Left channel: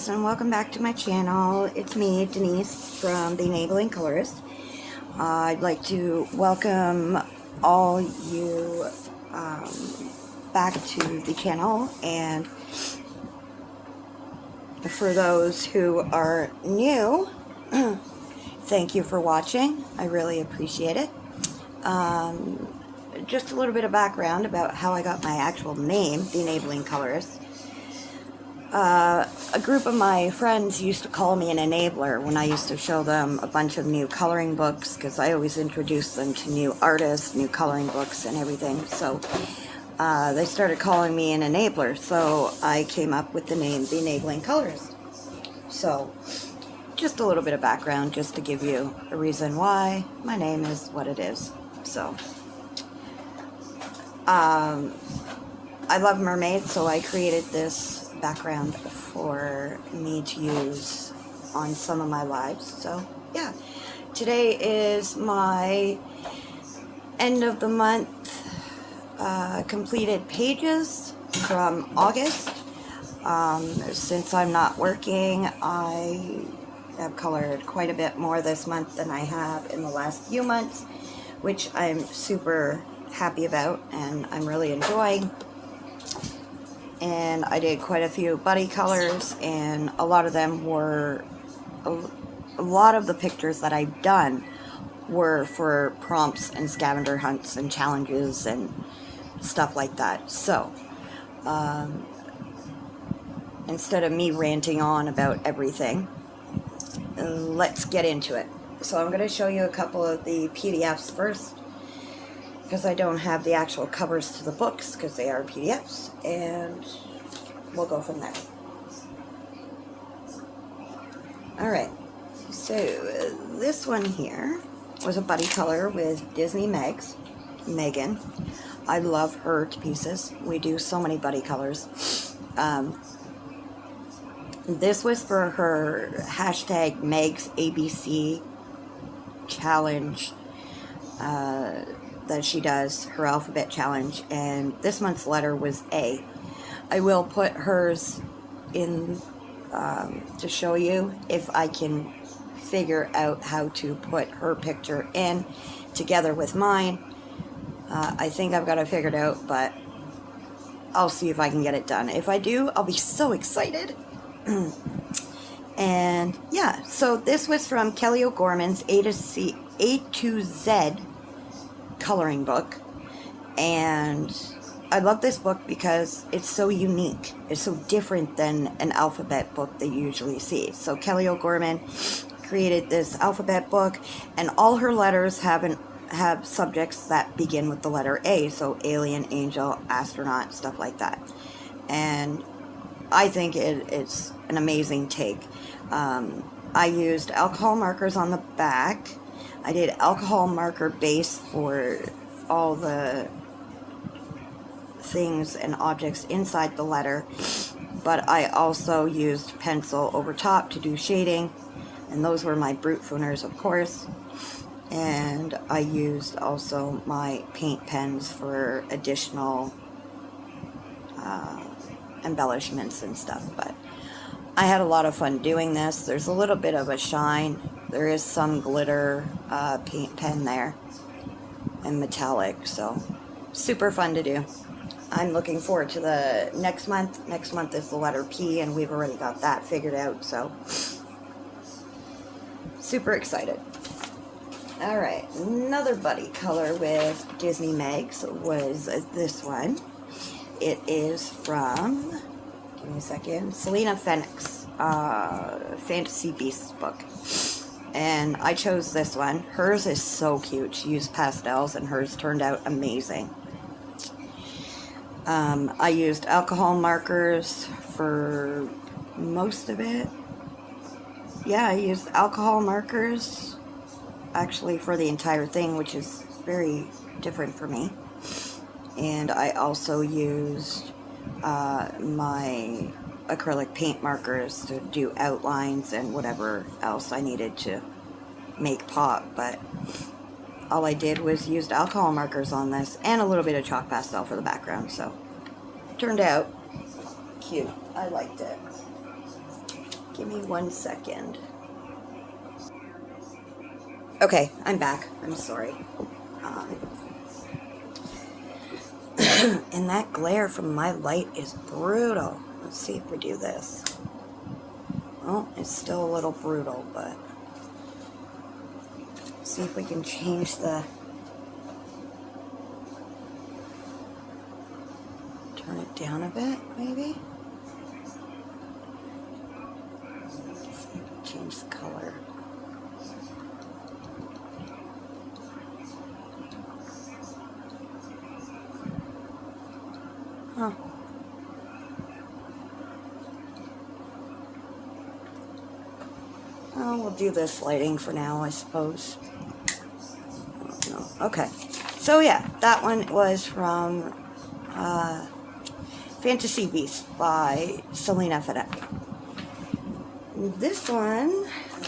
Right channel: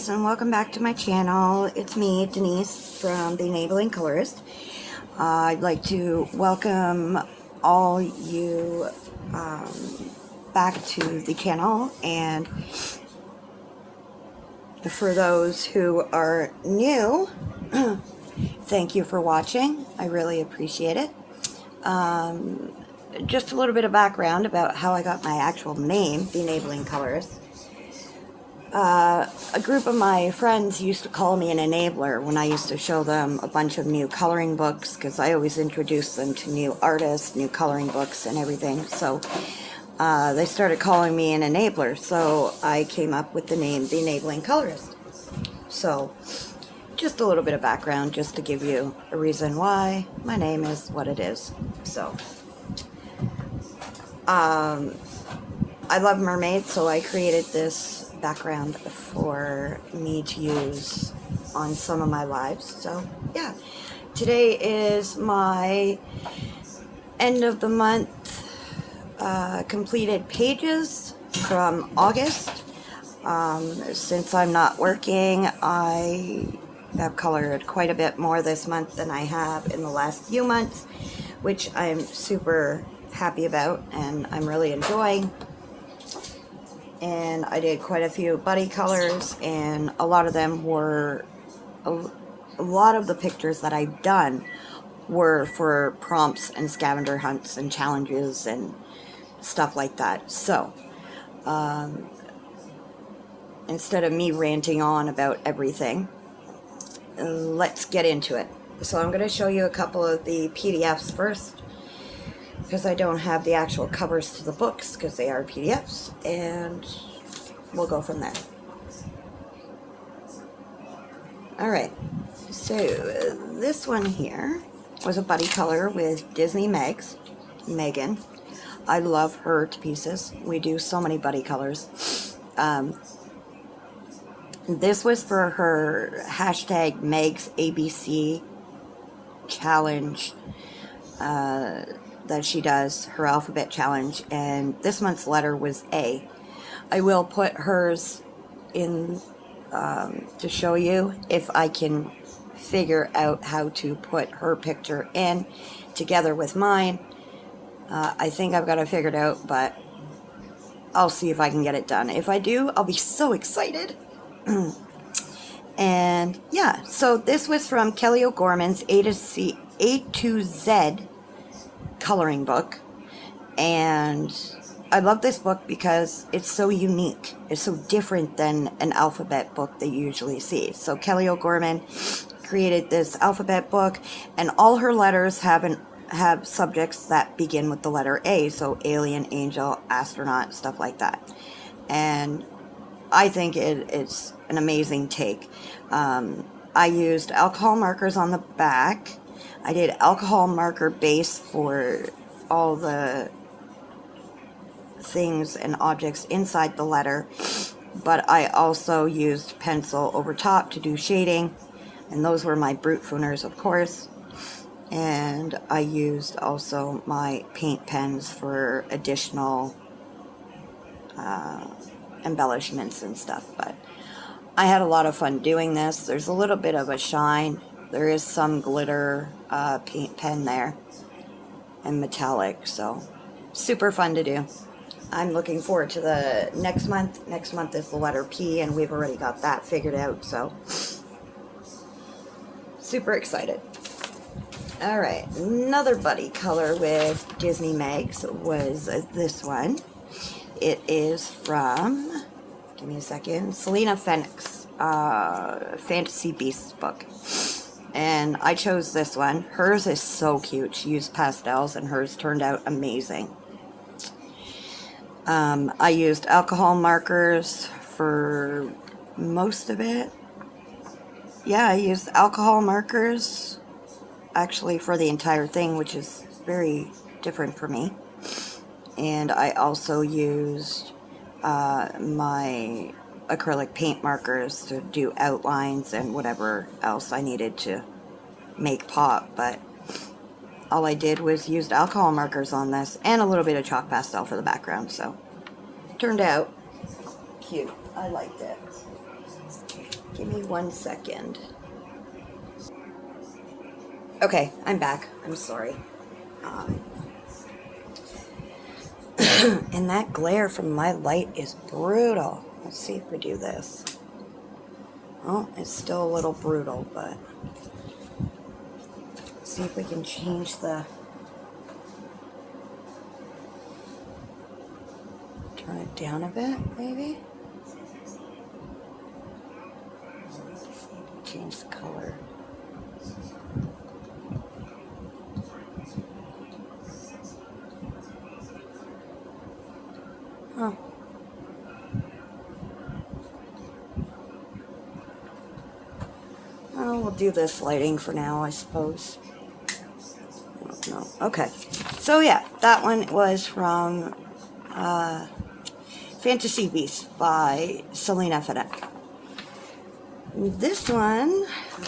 guys, and welcome back to my channel. It's me, Denise, from The Enabling Colorist. I'd like to welcome all you back to the channel, and for those who are new, thank you for watching. I really appreciate it. Just a little bit of background about how I got my actual name, The Enabling Colorist. A group of my friends used to call me an enabler when I used to show them a bunch of new coloring books, because I always introduced them to new artists, new coloring books and everything. So they started calling me an enabler, so I came up with the name The Enabling Colorist. So just a little bit of background just to give you a reason why my name is what it is. So I love mermaids, so I created this background for me to use on some of my lives. So yeah, today is my end of the month completed pages from August. Since I'm not working, I have colored quite a bit more this month than I have in the last few months, which I'm super happy about and I'm really enjoying. And I did quite a few buddy colors, and a lot of them were, a lot of the pictures that I've done were for prompts and scavenger hunts and challenges and stuff like that. So instead of me ranting on about everything, let's get into it. So I'm going to show you a couple of the PDFs first, because I don't have the actual covers to the books because they are PDFs, and we'll go from there. Alright, so this one here was a buddy color with Disney Megan. I love her to pieces. We do so many buddy colors. This was for her hashtag Meg's ABC challenge that she does, her alphabet challenge, and this month's letter was A. I will put hers in to show you if I can figure out how to put her picture in together with mine. I think I've got it figured out, but I'll see if I can get it done. If I do, I'll be so excited. And yeah, so this was from Kelly O'Gorman's A to Z coloring book, and I love this book because it's so unique. It's so different than an alphabet book that you usually see. So Kelly O'Gorman created this alphabet book, and all her letters have subjects that begin with the letter A, so alien, angel, astronaut, stuff like that. And I think it's an amazing take. I used alcohol markers on the back. I did alcohol marker base for all the things and objects inside the letter, but I also used pencil over top to do shading, and those were my brute fooners, of course. And I used also my paint pens for additional embellishments and stuff, but I had a lot of fun doing this. There's a little bit of a shine. There is some glitter paint pen there and metallic, so super fun to do. I'm looking forward to the next month. Next month is the letter P, and we've already got that figured out, so super excited. Alright, another buddy color with Disney Megs was this one. It is from, give me a second, Selena Fenix, Fantasy Beasts book. And I chose this one. Hers is so cute. She used pastels, and hers turned out amazing. I used alcohol markers for most of it. Yeah, I used alcohol markers actually for the entire thing, which is very different for me. And I also used my acrylic paint markers to do outlines and whatever else I needed to make pop, but all I did was used alcohol markers on this and a little bit of chalk pastel for the background, so turned out cute. I liked it. Give me 1 second. Okay, I'm back. I'm sorry. And that glare from my light is brutal. Let's see if we do this. Oh, it's still a little brutal, but let's see if we can change the... Turn it down a bit, maybe? Let's see if we change the color. Huh. Oh, we'll do this lighting for now, I suppose. I don't know. Okay. So yeah, that one was from Fantasy Beasts by Selena Fedek. This one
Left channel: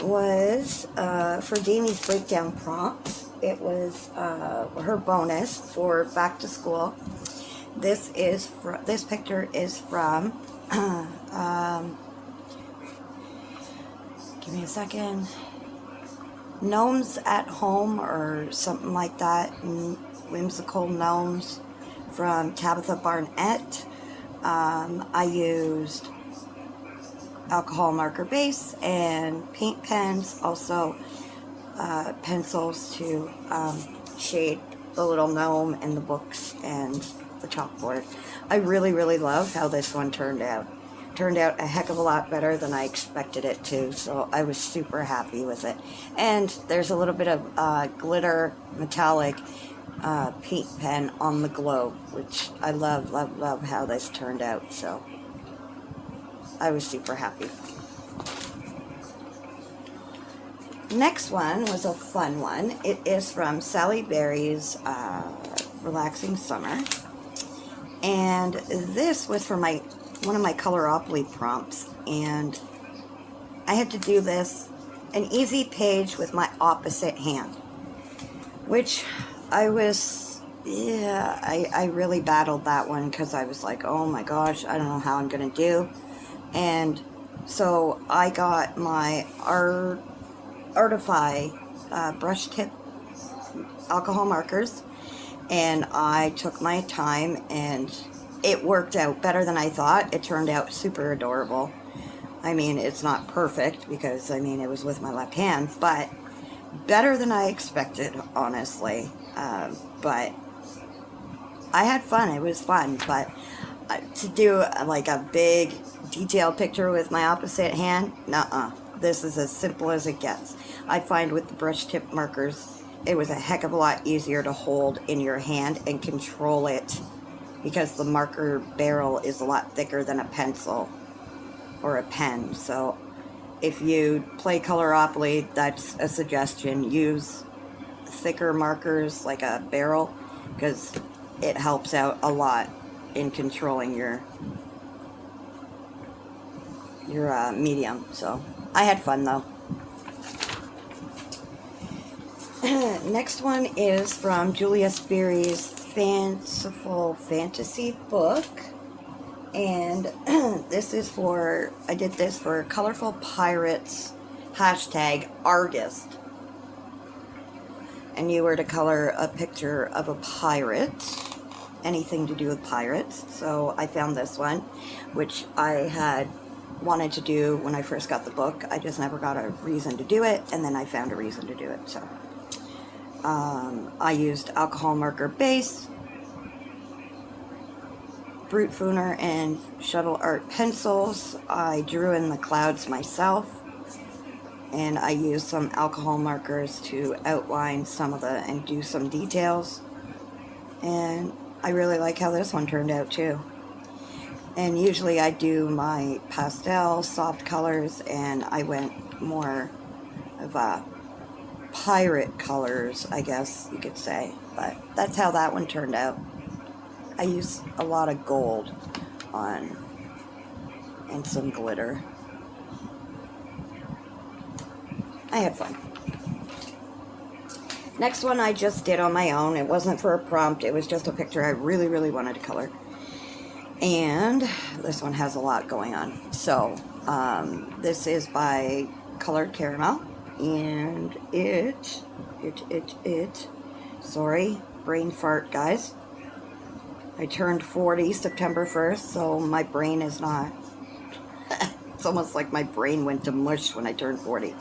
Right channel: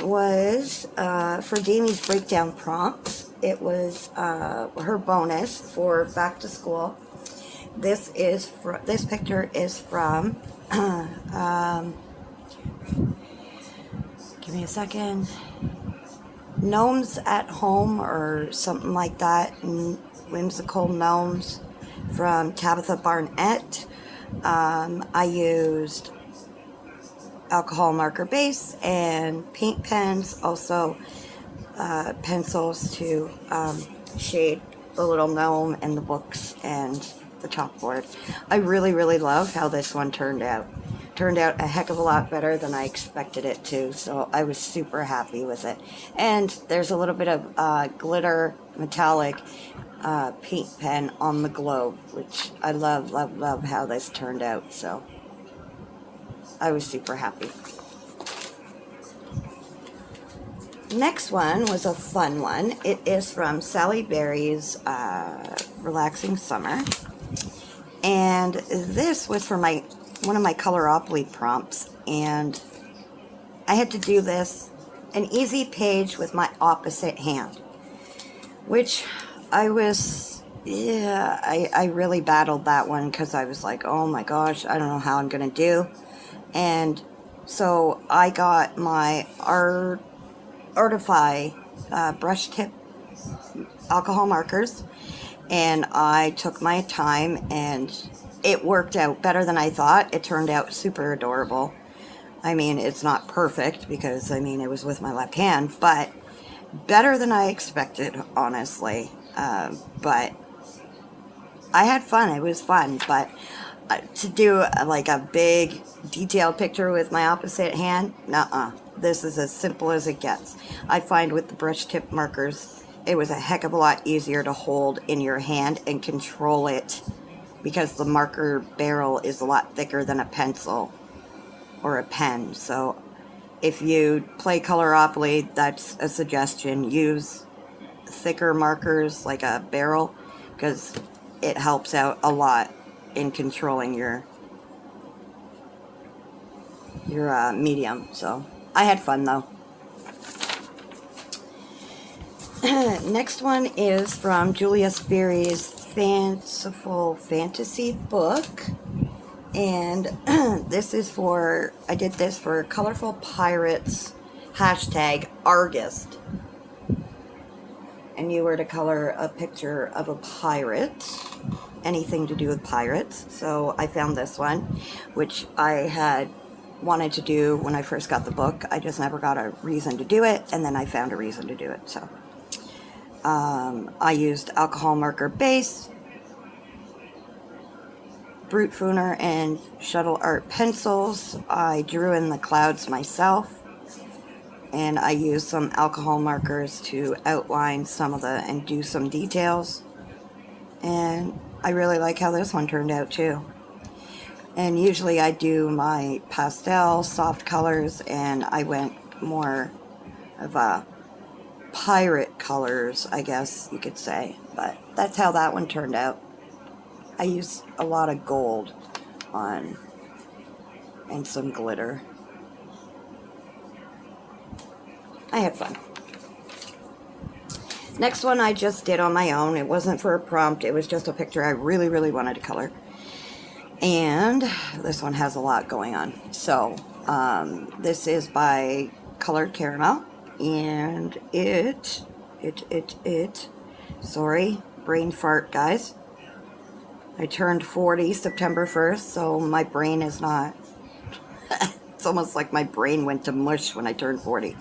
was for Jamie's Breakdown Prompts. It was her bonus for back to school. This picture is from give me a second. Gnomes at Home or something like that. Whimsical Gnomes from Tabitha Barnett. I used alcohol marker base and paint pens, also pencils to shade the little gnome and the books and the chalkboard. I really, really love how this one turned out. Turned out a heck of a lot better than I expected it to, so I was super happy with it. And there's a little bit of glitter metallic paint pen on the globe, which I love, love, love how this turned out, so I was super happy. Next one was a fun one. It is from Sally Berry's Relaxing Summer, and this was for one of my Coloropoly prompts, and I had to do this, an easy page with my opposite hand, which I really battled that one because I was like, oh my gosh, I don't know how I'm going to do. And so I got my Artify brush tip alcohol markers, and I took my time, and it worked out better than I thought. It turned out super adorable. I mean, it's not perfect because, I mean, it was with my left hand, but better than I expected, honestly. But I had fun. It was fun, but to do like a big detailed picture with my opposite hand, nuh-uh. This is as simple as it gets. I find with the brush tip markers, it was a heck of a lot easier to hold in your hand and control it, because the marker barrel is a lot thicker than a pencil or a pen. So if you play Coloropoly, that's a suggestion. Use thicker markers like a barrel, because it helps out a lot in controlling your medium. So I had fun though. Next one is from Julia Sperry's Fanciful Fantasy book, and this is for, I did this for Colorful Pirates #Argist, and you were to color a picture of a pirate, anything to do with pirates. So I found this one, which I had wanted to do when I first got the book. I just never got a reason to do it, and then I found a reason to do it. So I used alcohol marker base, Brute Fooner, and Shuttle Art pencils. I drew in the clouds myself, and I used some alcohol markers to outline some of and do some details. And I really like how this one turned out too. And usually I do my pastel, soft colors, and I went more of a pirate colors, I guess you could say. But that's how that one turned out. I used a lot of gold on and some glitter. I had fun. Next one I just did on my own. It wasn't for a prompt. It was just a picture I really, really wanted to color. And this one has a lot going on. So This is by Colored Caramel, and sorry, brain fart, guys. I turned 40 September 1st, so my brain is not, it's almost like my brain went to mush when I turned 40.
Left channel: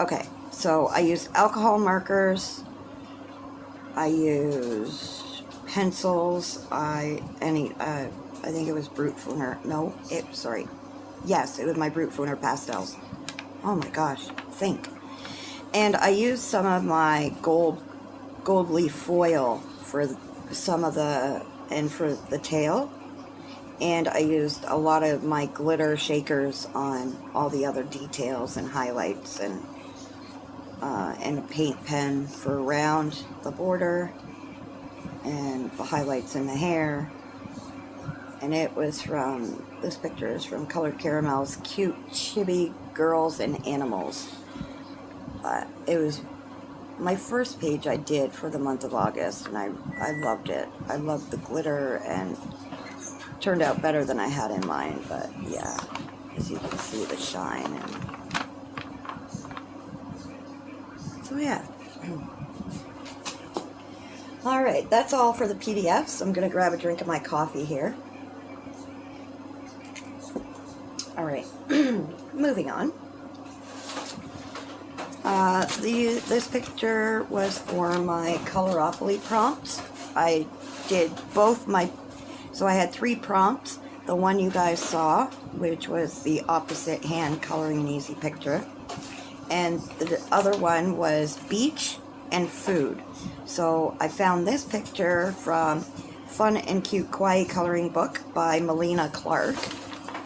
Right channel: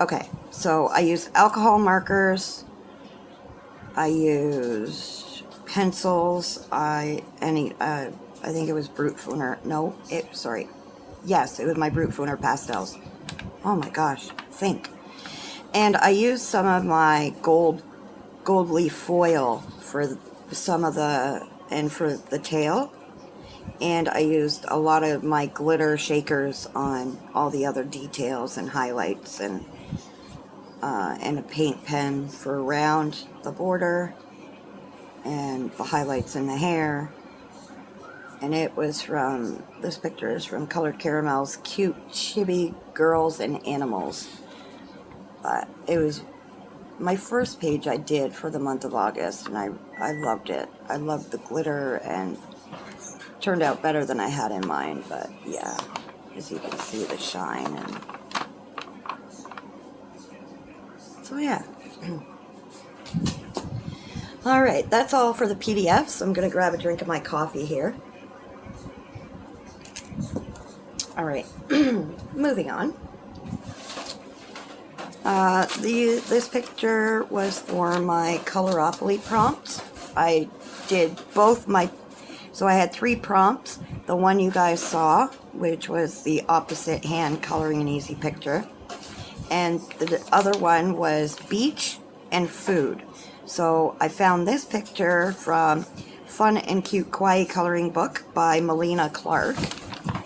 Okay, so I used alcohol markers, I used pencils, I think it was Brute Fooner, yes, it was my Brute Fooner pastels. Oh my gosh, think. And I used some of my gold leaf foil for some of for the tail, and I used a lot of my glitter shakers on all the other details and highlights, and a paint pen for around the border and the highlights in the hair. And it was from, this picture is from Colored Caramel's Cute Chibi Girls and Animals. It was my first page I did for the month of August, and I loved it. I loved the glitter, and it turned out better than I had in mind, but yeah, as you can see, the shine. And so yeah. Alright, that's all for the PDFs. I'm going to grab a drink of my coffee here. Alright, moving on. This picture was for my Coloropoly Prompts. I did both so I had 3 prompts. The one you guys saw, which was the opposite hand coloring an easy picture. And the other one was beach and food. So I found this picture from Fun and Cute Kawaii Coloring Book by Melina Clark,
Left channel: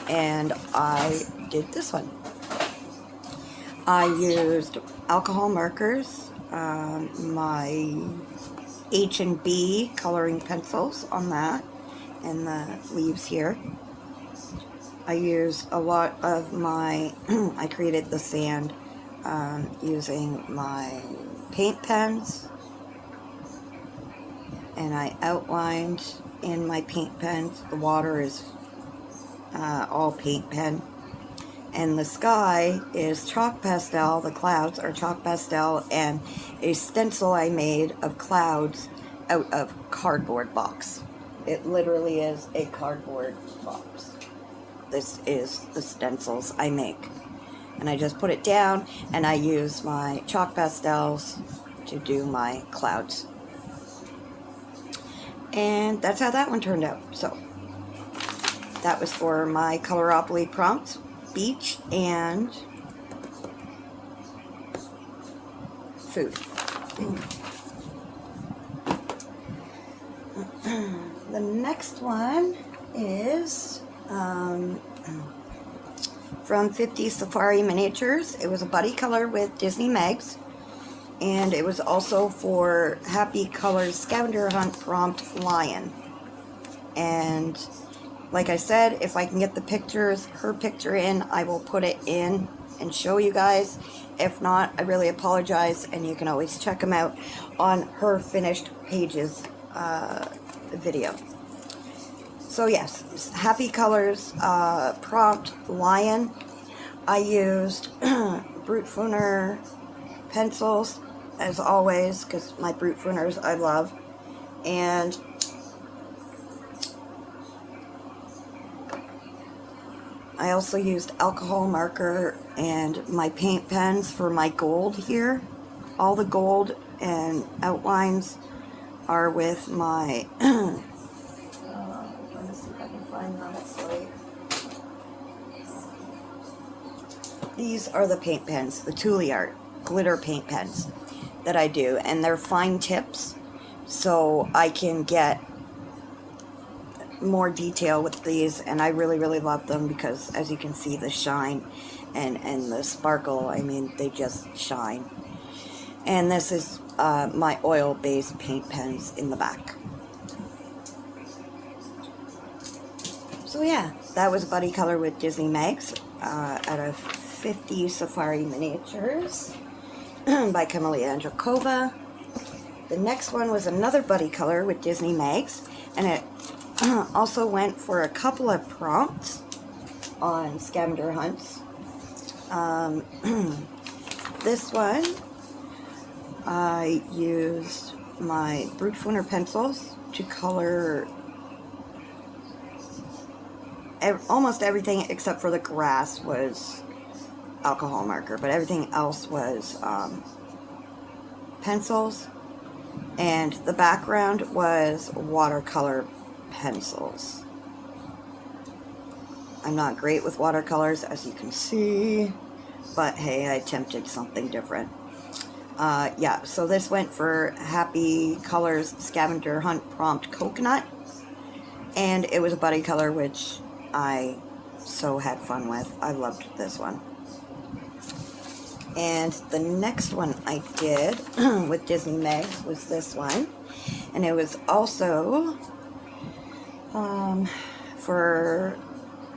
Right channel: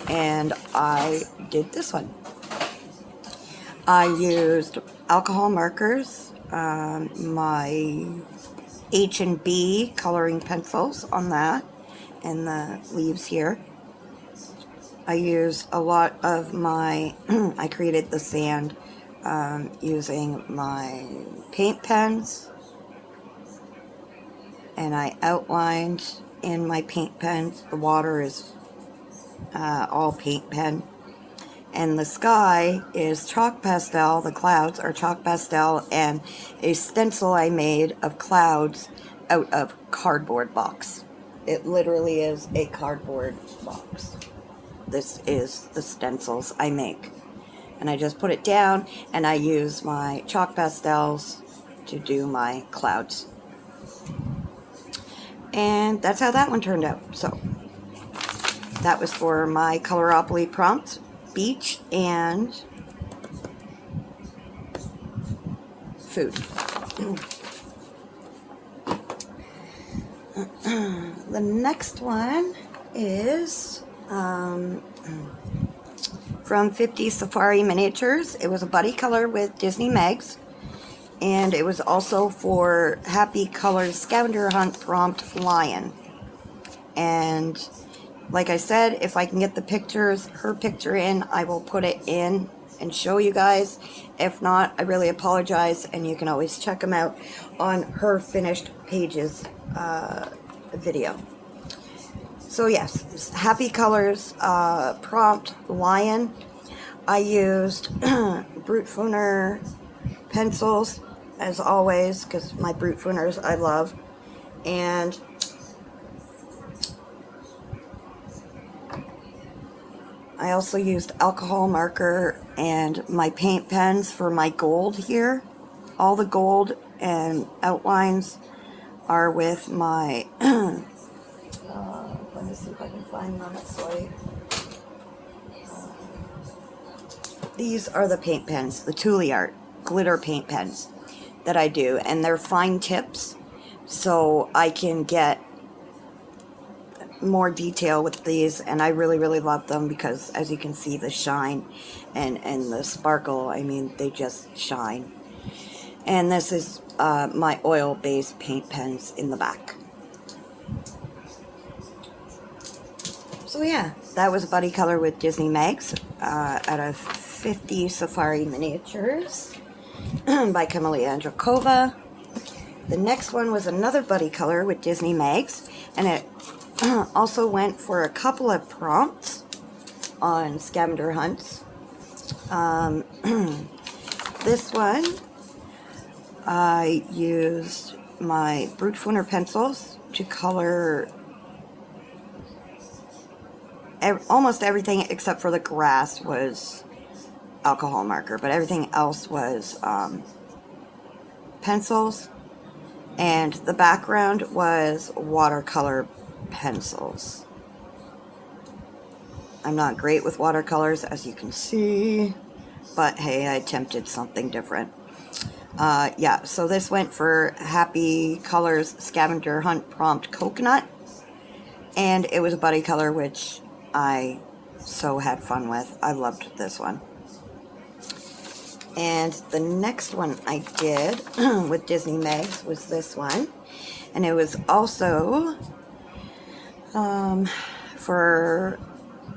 and I did this one. I used alcohol markers, my H&B coloring pencils on that, and the leaves here. I used a lot of my, I created the sand using my paint pens, and I outlined in my paint pens. The water is all paint pen. And the sky is chalk pastel, the clouds are chalk pastel, and a stencil I made of clouds out of cardboard box. It literally is a cardboard box. This is the stencils I make. And I just put it down, and I use my chalk pastels to do my clouds. And that's how that one turned out. So that was for my Coloropoly Prompts, beach and food. The next one is from 50 Safari Miniatures. It was a buddy color with Disney Megs, and it was also for Happy Colors Scavenger Hunt Prompt Lion. And like I said, if I can get the pictures, her picture in, I will put it in and show you guys. If not, I really apologize, and you can always check them out on her finished pages video. So yes, Happy Colors Prompt Lion. I used Brute Fooner pencils, as always, because my Brute Fooners I love. And I also used alcohol marker and my paint pens for my gold here. All the gold and outlines are with my let me see if I can find that. Sorry. These are the paint pens, the Thule Art glitter paint pens that I do, and they're fine tips, so I can get more detail with these, and I really love them because, as you can see, the shine and the sparkle, I mean, they just shine. And this is my oil-based paint pens in the back. So yeah, that was Buddy Color with Disney Megs out of 50 Safari Miniatures by Camelia Andrakova. The next one was another Buddy Color with Disney Megs, and it also went for a couple of prompts on scavenger hunts. This one, I used my Brute Fooner pencils to color almost everything except for the grass was alcohol marker, but everything else was pencils, and the background was watercolor pencils. I'm not great with watercolors, as you can see, but hey, I attempted something different. Yeah, so this went for Happy Colors Scavenger Hunt Prompt Coconut, and it was a buddy color, which I so had fun with. I loved this one. And the next one I did with Disney Megs was this one, and it was also for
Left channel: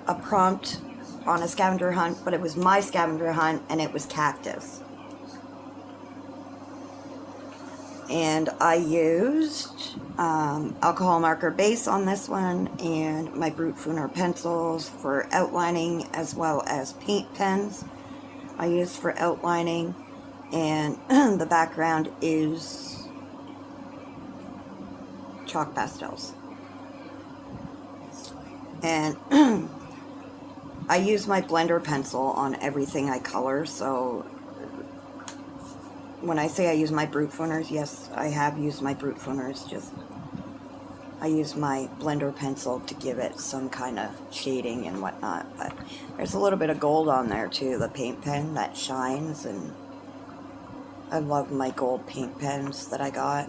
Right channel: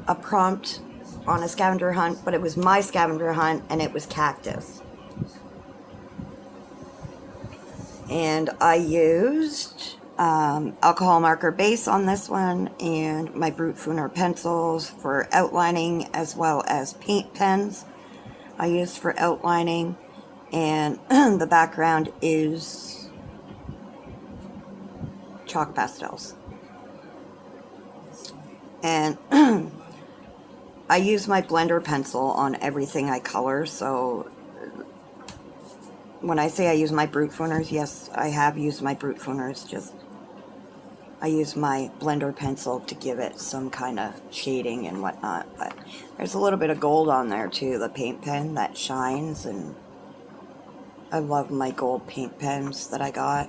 a prompt on a scavenger hunt, but it was my scavenger hunt, and it was cactus. And I used alcohol marker base on this one, and my Brute Fooner pencils for outlining, as well as paint pens I used for outlining, and the background is chalk pastels. And I use my blender pencil on everything I color, so when I say I use my Brute Fooners, yes, I have used my Brute Fooners, just I use my blender pencil to give it some kind of shading and whatnot, but there's a little bit of gold on there too, the paint pen that shines, and I love my gold paint pens that I got,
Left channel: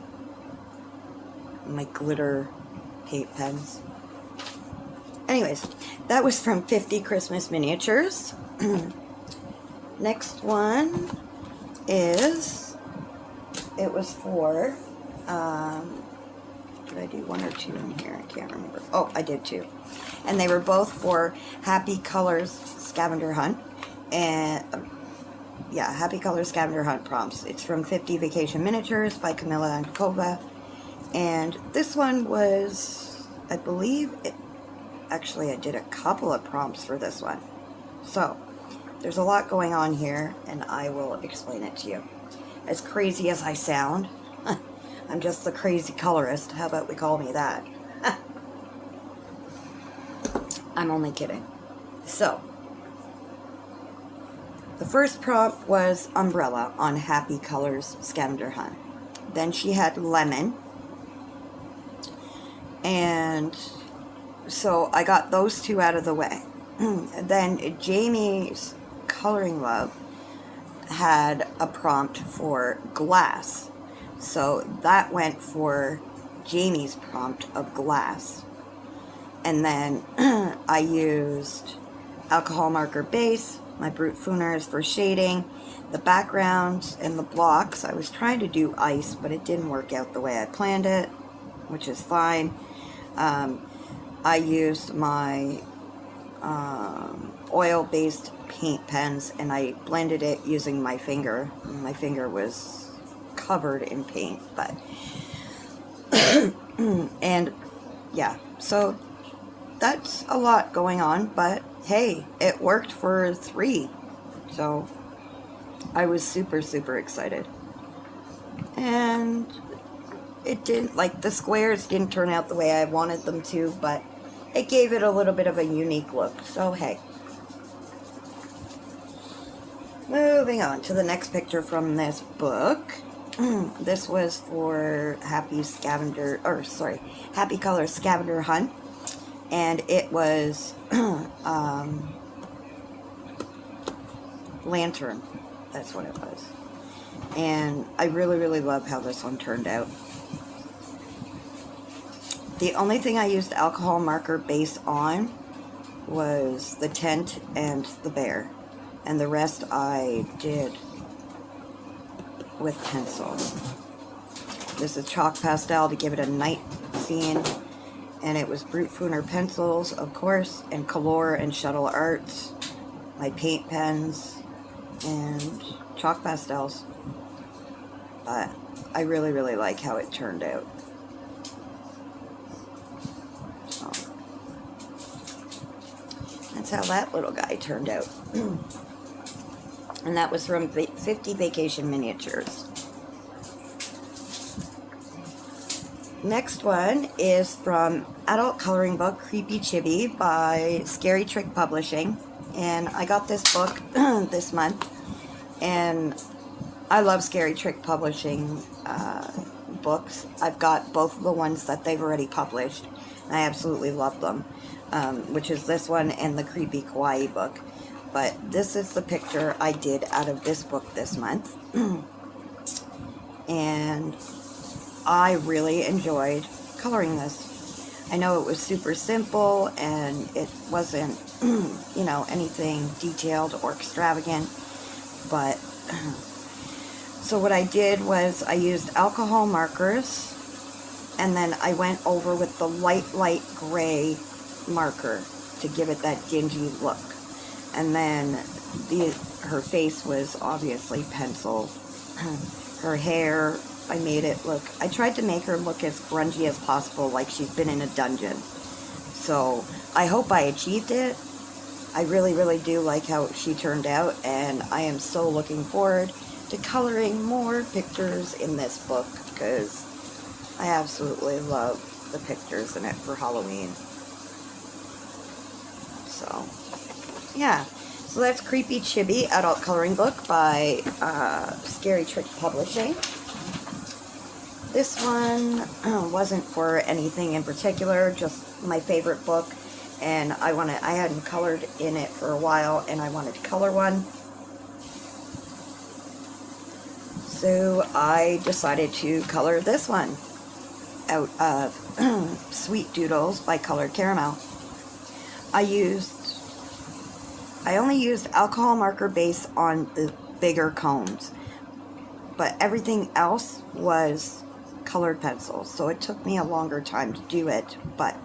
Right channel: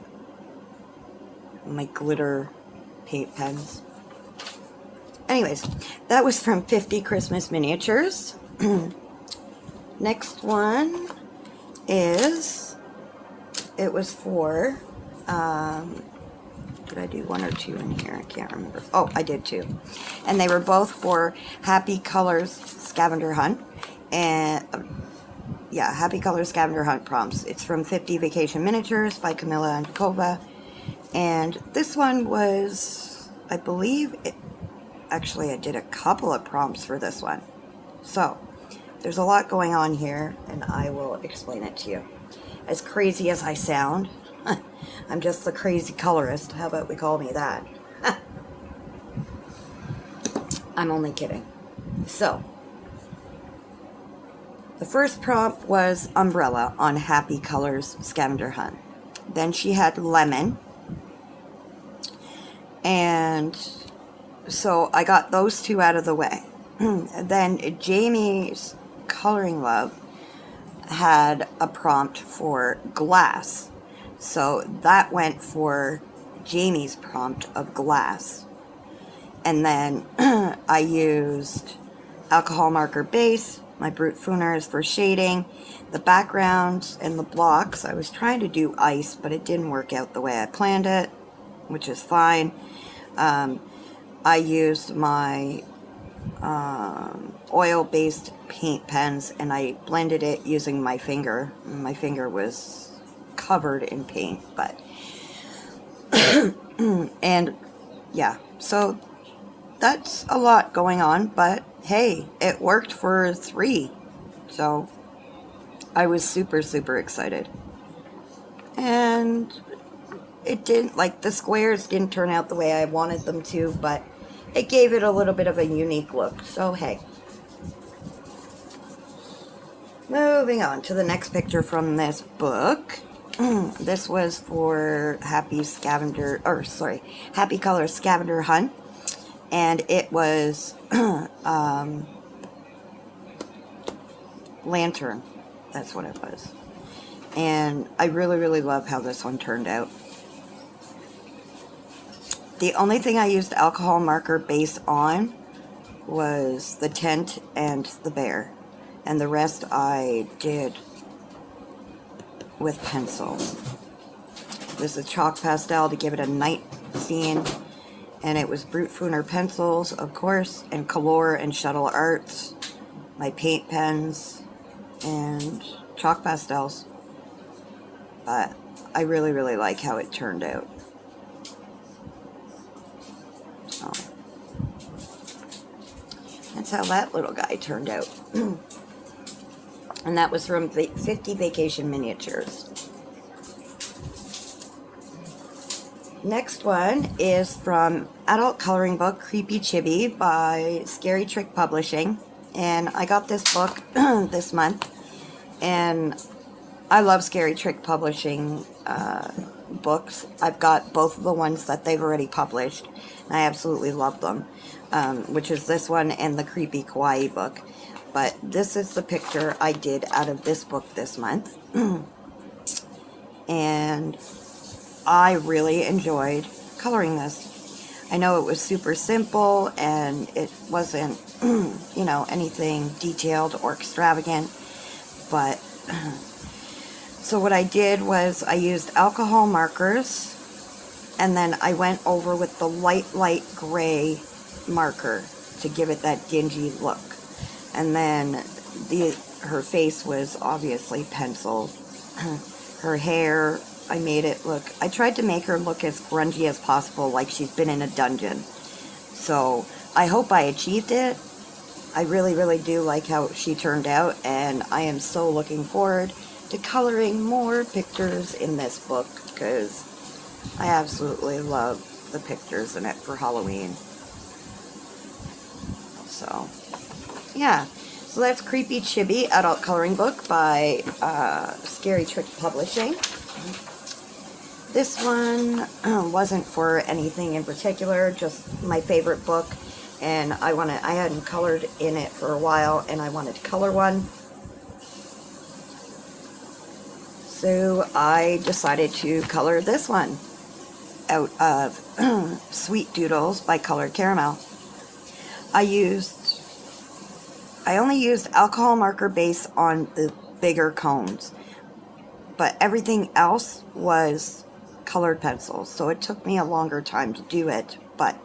my glitter paint pens. Anyways, that was from 50 Christmas Miniatures. Next one is, it was for, did I do one or two in here? I can't remember. Oh, I did two. And they were both for Happy Colors Scavenger Hunt. And, yeah, Happy Colors Scavenger Hunt prompts. It's from 50 Vacation Miniatures by Camilla and Kova. And this one was, I believe, actually I did a couple of prompts for this one. So, there's a lot going on here, and I will explain it to you. As crazy as I sound, I'm just the crazy colorist. How about we call me that? I'm only kidding. So, the first prompt was Umbrella on Happy Colors Scavenger Hunt. Then she had Lemon. And so I got those two out of the way. Then Jamie's Coloring Love had a prompt for Glass. So that went for Jamie's prompt of Glass. And then I used alcohol marker base, my Brute Fooners for shading, the backgrounds and the blocks. I was trying to do ice, but it didn't work out the way I planned it, which is fine. I used my oil-based paint pens, and I blended it using my finger. My finger was covered in paint, but and yeah, so that's a lot going on, but hey, it worked for 3, so I was super excited. And it didn't, like, the squares didn't turn out the way I wanted them to, but it gave it a little bit of a unique look, so hey. Moving on to the next picture from this book. This was for Happy Colors Scavenger Hunt, and it was Lantern. That's what it was. And I really love how this one turned out. The only thing I used alcohol marker base on was the tent and the bear, and the rest I did with pencil. This is chalk pastel to give it a night scene, and it was Brute Fooner pencils, of course, and Color and Shuttle Arts, my paint pens, and chalk pastels. But I really like how it turned out. So, that's how that little guy turned out. And that was from 50 Vacation Miniatures. Next one is from adult coloring book Creepy Chibi by Scary Trick Publishing. And I got this book this month. And I love Scary Trick Publishing books. I've got both of the ones that they've already published. And I absolutely love them. Which is this one and the Creepy Kawaii book. But this is the picture I did out of this book this month. And I really enjoyed coloring this. I know it was super simple and it wasn't, you know, anything detailed or extravagant, but so what I did was I used alcohol markers and then I went over with the light gray marker to give it that dingy look. And then her face was obviously penciled. Her hair, I made it look, I tried to make her look as grungy as possible, like she's been in a dungeon. So I hope I achieved it. I really, really do like how she turned out, and I am so looking forward to coloring more pictures in this book, because I absolutely love the pictures in it for Halloween. So, yeah. So that's Creepy Chibi, adult coloring book by Scary Trick Publishing. This one wasn't for anything in particular, just my favorite book, and I hadn't colored in it for a while, and I wanted to color one. So I decided to color this one out of Sweet Doodles by Colored Caramel. I only used alcohol marker base on the bigger cones, but everything else was colored pencils, so it took me a longer time to do it, but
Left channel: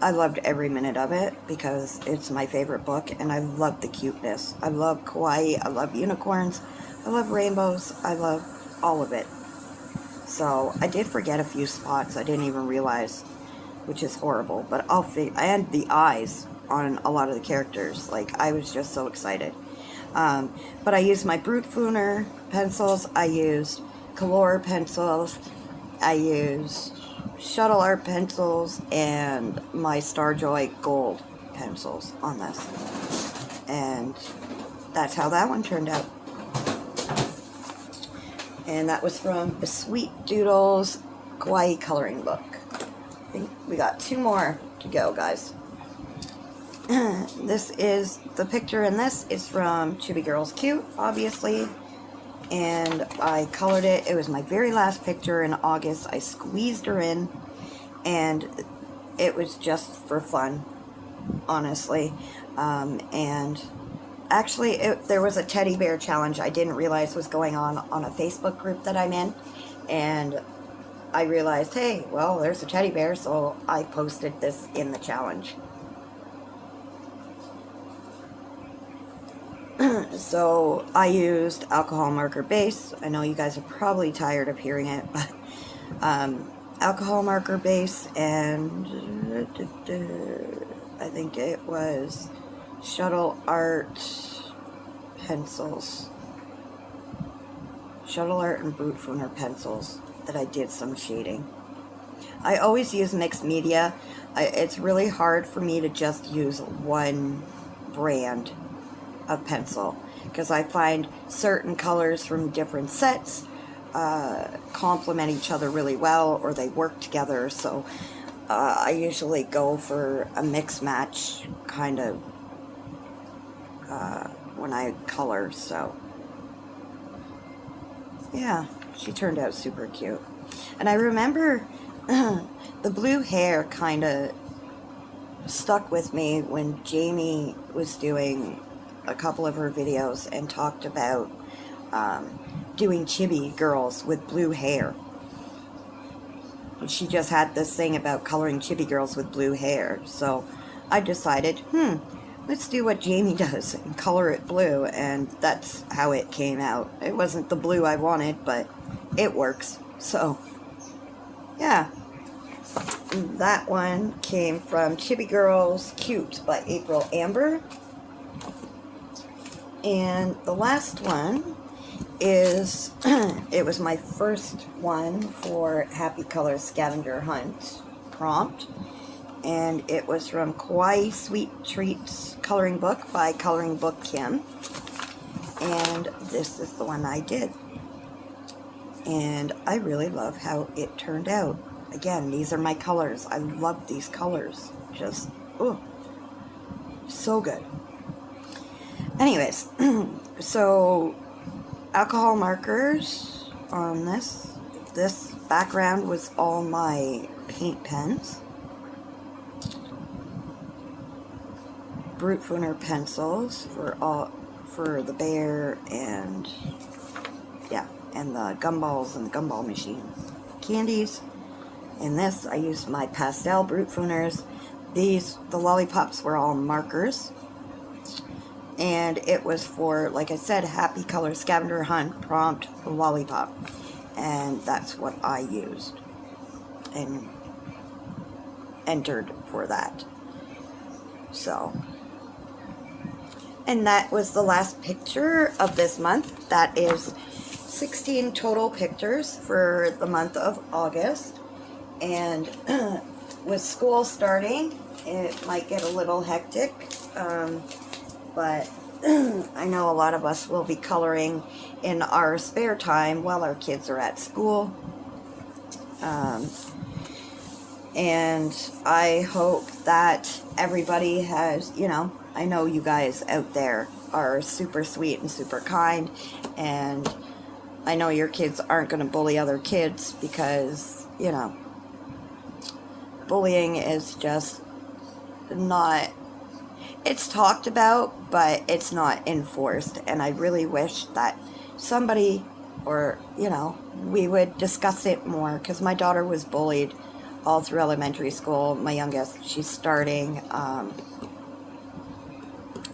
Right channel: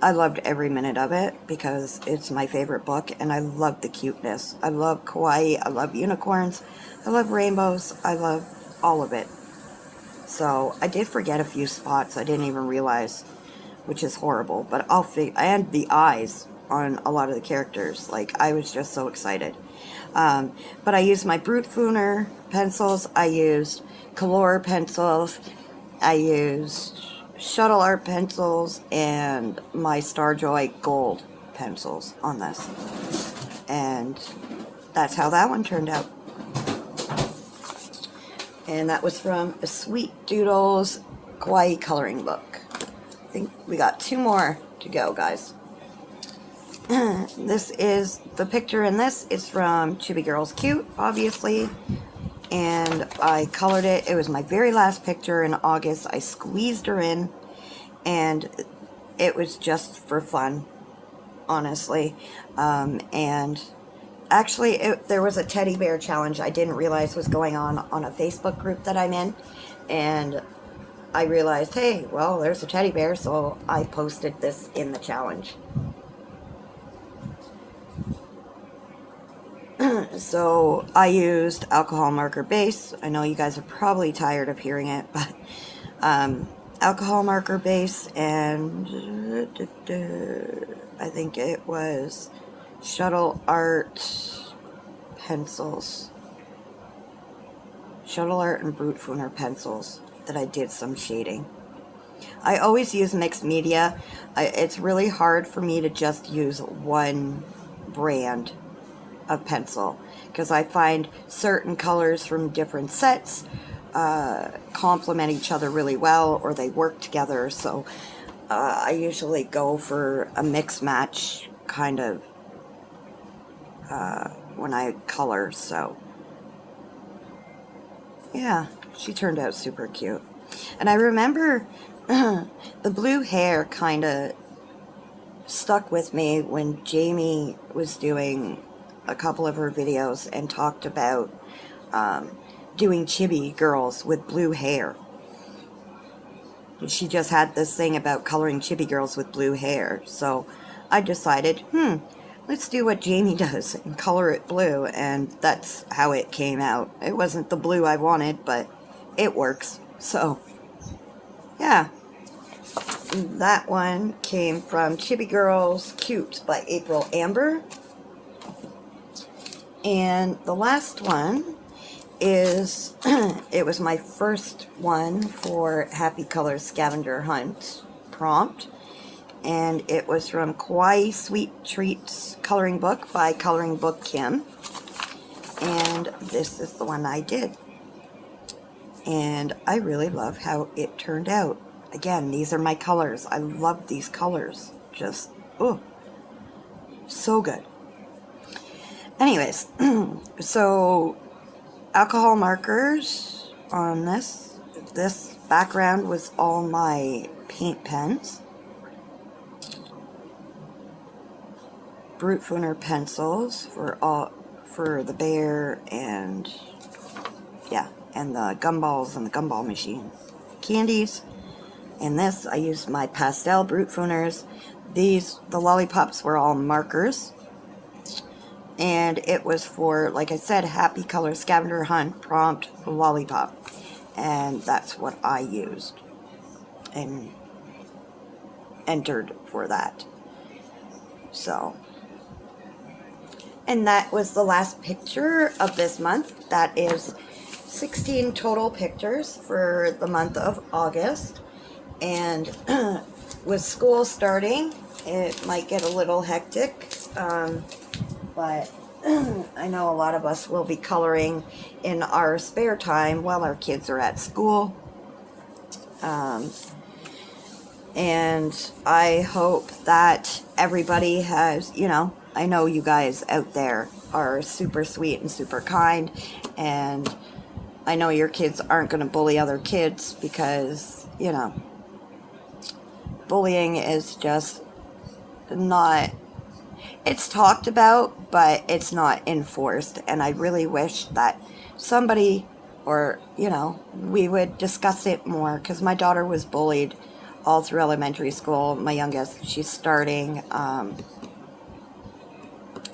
I loved every minute of it because it's my favorite book and I love the cuteness. I love kawaii, I love unicorns, I love rainbows, I love all of it. So I did forget a few spots I didn't even realize, which is horrible, but I had the eyes on a lot of the characters. Like, I was just so excited. But I used my Brute Fooner pencils, I used Color pencils, I used Shuttle Art pencils, and my Starjoy Gold pencils on this. And that's how that one turned out. And that was from a Sweet Doodles Kawaii coloring book. I think we got 2 more to go, guys. This is, the picture in this is from Chibi Girls Cute, obviously. And I colored it. It was my very last picture in August. I squeezed her in, and it was just for fun, honestly. And actually, there was a teddy bear challenge I didn't realize was going on a Facebook group that I'm in, and I realized, hey, well, there's a teddy bear, so I posted this in the challenge. So I used alcohol marker base. I know you guys are probably tired of hearing it, but alcohol marker base, and I think it was Shuttle Art pencils. Shuttle Art and Brute Fooner pencils that I did some shading. I always use mixed media. It's really hard for me to just use one brand of pencil, because I find certain colors from different sets complement each other really well, or they work together. So I usually go for a mix match kind of when I color. So yeah, she turned out super cute. And I remember the blue hair kind of stuck with me when Jamie was doing a couple of her videos and talked about doing Chibi Girls with blue hair. She just had this thing about coloring Chibi Girls with blue hair. So I decided, let's do what Jamie does and color it blue, and that's how it came out. It wasn't the blue I wanted, but it works. So, yeah. That one came from Chibi Girls Cute by April Amber. And the last one is, it was my first one for Happy Color Scavenger Hunt prompt. And it was from Kawaii Sweet Treats Coloring Book by Coloring Book Kim. And this is the one I did. And I really love how it turned out. Again, these are my colors. I love these colors. Just, oh, so good. Anyways, so alcohol markers on this. This background was all my paint pens. Brute Fooner pencils for the bear and yeah, and the gumballs and the gumball machine. Candies. In this, I used my pastel Brute Fooners. The lollipops were all markers. And it was for, like I said, Happy Color Scavenger Hunt prompt lollipop. And that's what I used and entered for that. So, and that was the last picture of this month. That is 16 total pictures for the month of August. And with school starting, it might get a little hectic. But I know a lot of us will be coloring in our spare time while our kids are at school. And I hope that everybody has, you know, I know you guys out there are super sweet and super kind. And I know your kids aren't going to bully other kids because, you know, bullying is just not... It's talked about, but it's not enforced, and I really wish that somebody, or, you know, we would discuss it more, because my daughter was bullied all through elementary school. My youngest, she's starting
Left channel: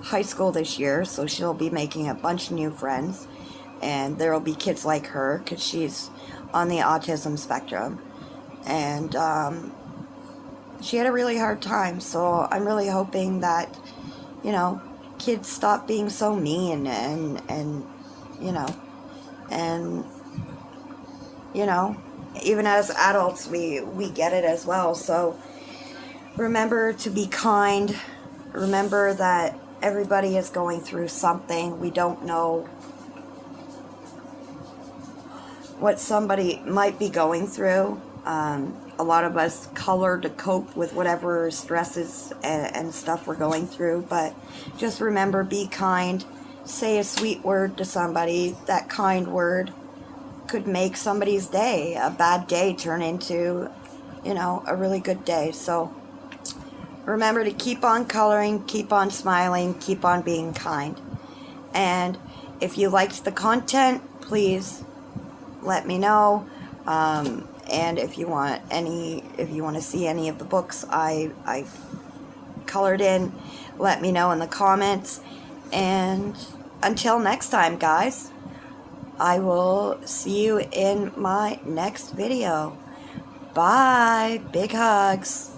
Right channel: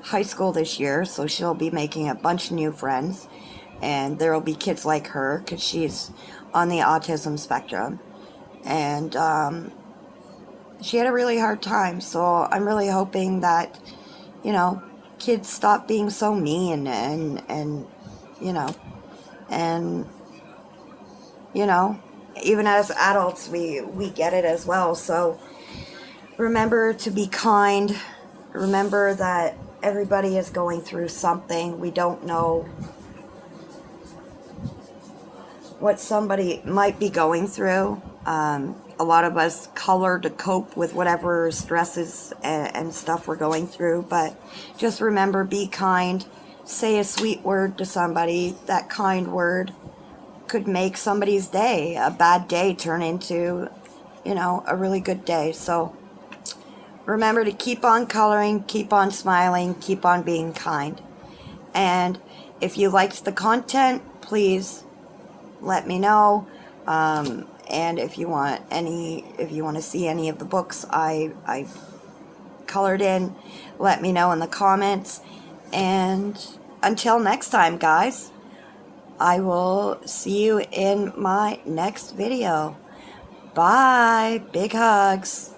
high school this year, so she'll be making a bunch of new friends, and there will be kids like her, because she's on the autism spectrum, and she had a really hard time, so I'm really hoping that, you know, kids stop being so mean and you know, even as adults, we get it as well. So remember to be kind. Remember that everybody is going through something. We don't know what somebody might be going through. A lot of us color to cope with whatever stresses and stuff we're going through, but just remember, be kind. Say a sweet word to somebody. That kind word could make somebody's day, a bad day, turn into, you know, a really good day. So remember to keep on coloring, keep on smiling, keep on being kind. And if you liked the content, please let me know. And if you want to see any of the books I colored in, let me know in the comments. And until next time, guys, I will see you in my next video. Bye. Big hugs.